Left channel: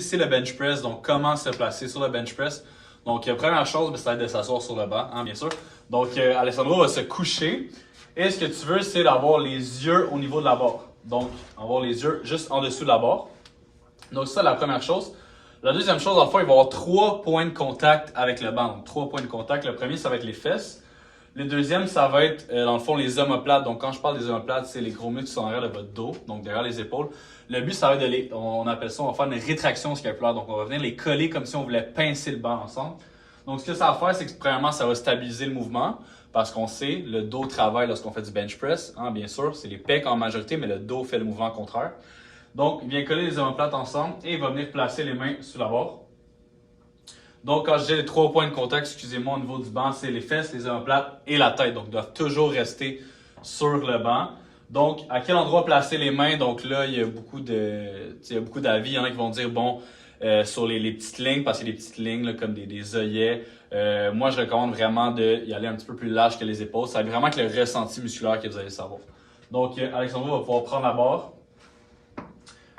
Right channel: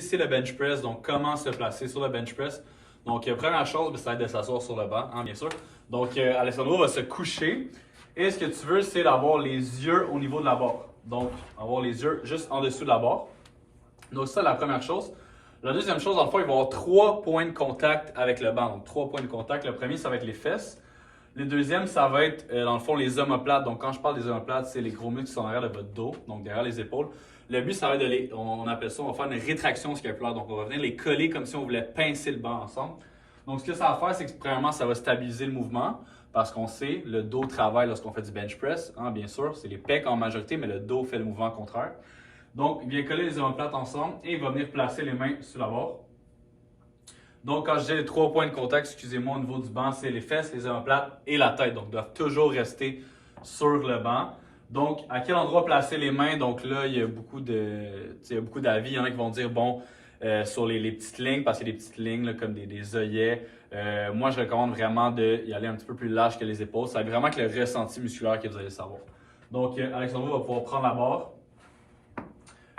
C'est le bench press, donc comment se placer sur le bench press. Donc, première chose, ça va être de s'asseoir sur le banc, hein, bien sûr. Donc, Alessandro va se coucher. Et ce que tu veux, c'est d'avoir les yeux au niveau de la barre. Donc, avoir les yeux juste en dessous de la barre. Donc, ça, la première chose. La deuxième chose, en fait, il va y avoir 3 points de contact avec le banc. Donc, 3 points de contact. Le premier, ça va être les fesses. Le deuxième, ça va être, dans le fond, les omoplates. Donc, quand je parle des omoplates, c'est les gros muscles qui sont derrière de votre dos, donc derrière les épaules. Le but, ça va être on appelle ça, on va faire une rétraction scapulaire. Donc, on va venir les coller comme si on voulait pincer le banc ensemble. Donc, ce que ça va faire, c'est que premièrement, ça va stabiliser le mouvement parce qu'on sait, le dos travaille lorsqu'on fait du bench press. Hein, bien sûr, c'est les pecs en majorité, mais le dos fait le mouvement contraire. Donc, il vient coller les omoplates ensemble et il va venir placer les mains sous la barre. Donc, quand je dis les 3 points de contact, excusez-moi, au niveau du banc, c'est les fesses, les omoplates et la tête. Donc, ils doivent toujours rester sur le banc. Donc, à quel endroit placer les mains? Donc là, il y a beaucoup d'avis. Il y en a qui vont dire, bon, sur les petites lignes, parce qu'il y a des petites lignes là, comme des œillets. Moi, je recommande vraiment d'y aller un petit peu plus large que les épaules. C'est vraiment que le ressenti musculaire que vous allez savoir. Donc, Alexandre va pouvoir prendre la barre,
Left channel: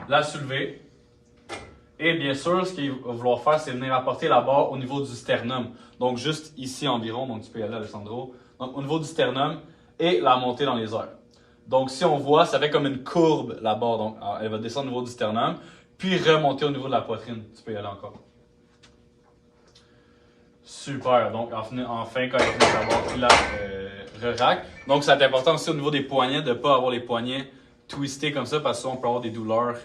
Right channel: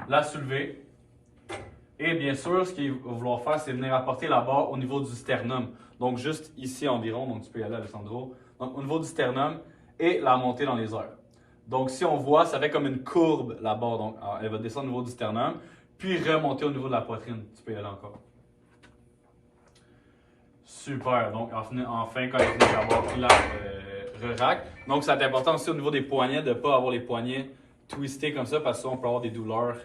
la soulever. Et bien sûr, ce qu'il va vouloir faire, c'est venir apporter la barre au niveau du sternum. Donc, juste ici environ. Donc, tu peux y aller, Alessandro. Donc, au niveau du sternum et la monter dans les airs. Donc, si on voit, ça fait comme une courbe, la barre. Donc, elle va descendre au niveau du sternum, puis remonter au niveau de la poitrine. Tu peux y aller encore. Super. Donc, enfin quand elle finit d'avoir pris la re-rack. Donc, c'est important aussi au niveau des poignets de ne pas avoir les poignets twistés comme ça, parce que souvent, on peut avoir des douleurs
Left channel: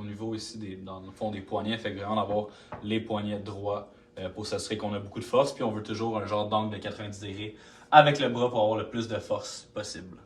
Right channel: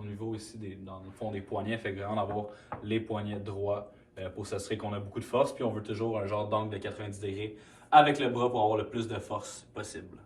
au niveau ici, dans le fond des poignets. Fait que vraiment d'avoir les poignets droits pour s'assurer qu'on a beaucoup de force. Puis, on veut toujours un genre d'angle de 90 degrés avec le bras pour avoir le plus de force possible.